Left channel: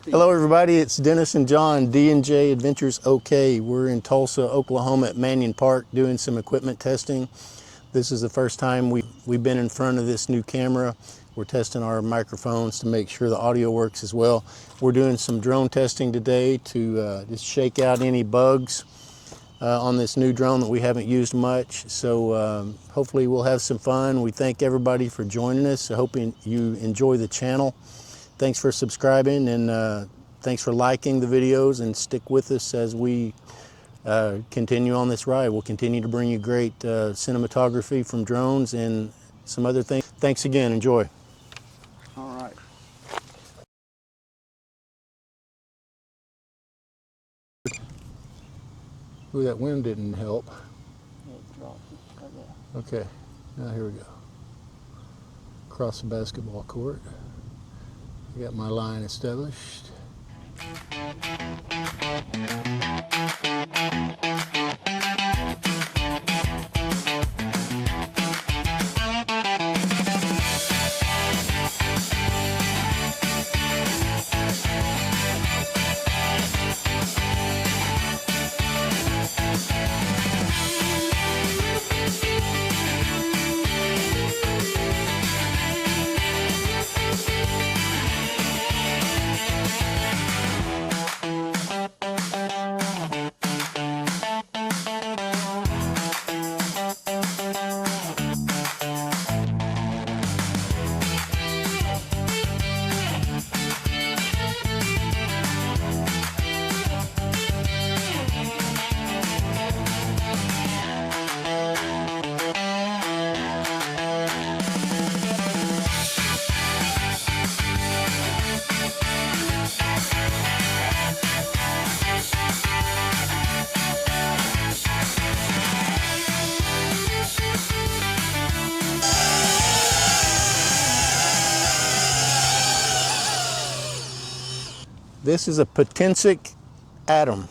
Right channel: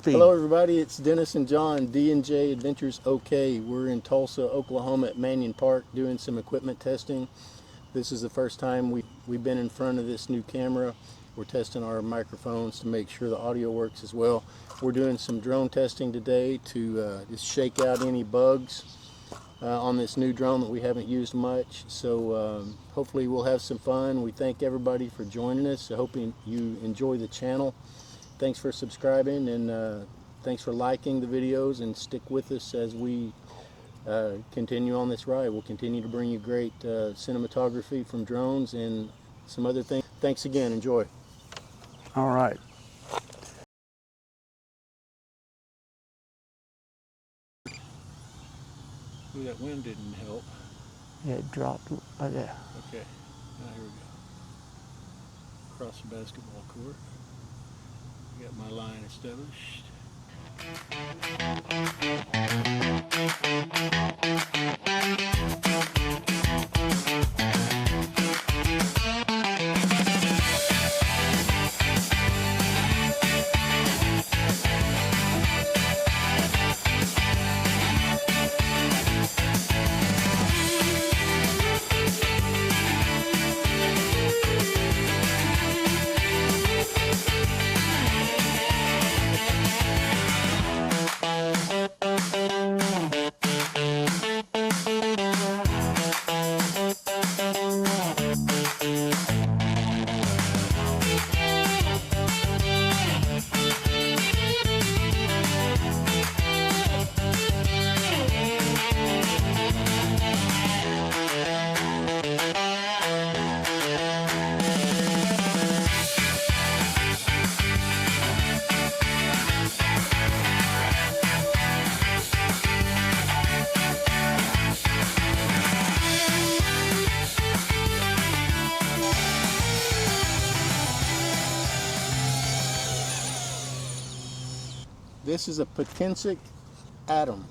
speed. Hello everybody, it's Dennis and John, D&JAdventuresOK. We're in Tulsa, Oklahoma at Mannion Park doing some equipment testing. This is the first time we've been in front of this new camera. We're testing our microphones to make sure the audio works as well. We're doing some drone testing today to just shake out any bugs on this new drone that we haven't used much. So hopefully we'll have some fun. We thank everybody for joining us. I hope you enjoy the channel. Thanks for subscribing and thanks for liking the videos, and stick with us as we continue on this ride. We'll continue to bring you great cinematography from drones and some other things. Thanks again, enjoy. All right. Ooh, that wind didn't help. Yeah, it dropped right there. Okay, now here we go. Across the basketball court. Got my line established. This is a Potensic Atom,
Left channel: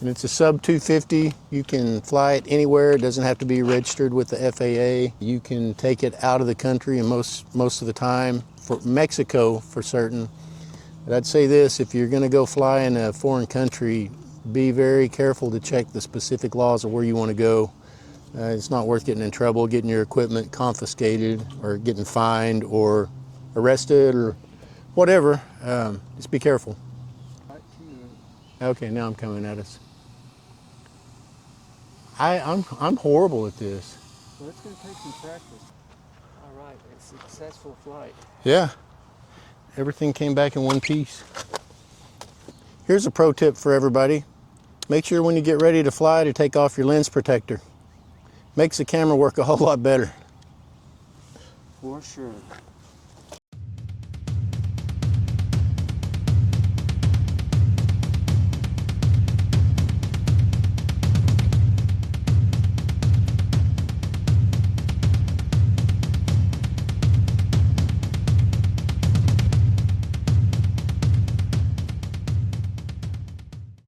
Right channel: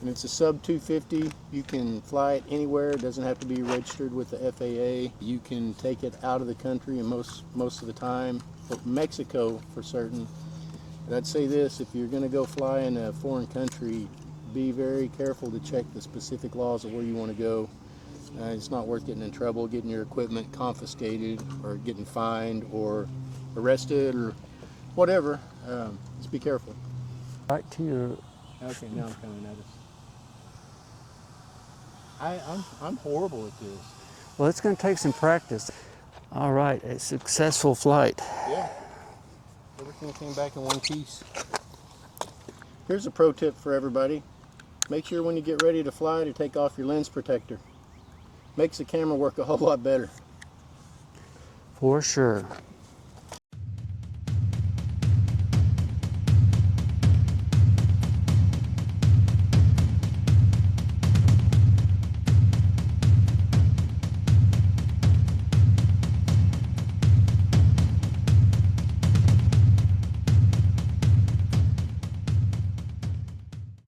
and it's a sub 250. You can fly it anywhere. It doesn't have to be registered with the FAA. You can take it out of the country, and most of the time, for Mexico for certain. But I'd say this: if you're going to go fly in a foreign country, be very careful to check the specific laws of where you want to go. It's not worth getting in trouble, getting your equipment confiscated, or getting fined, or arrested, or whatever. Just be careful. Right to your... Okay, now I'm coming at us. I'm horrible at this. Well, it's going to take some practice. All right, a successful flight. Yeah, everything came back in one piece. Here's a pro tip for everybody. Make sure when you get ready to fly to take off your lens protector. Makes the camera work a whole lot better. For sure.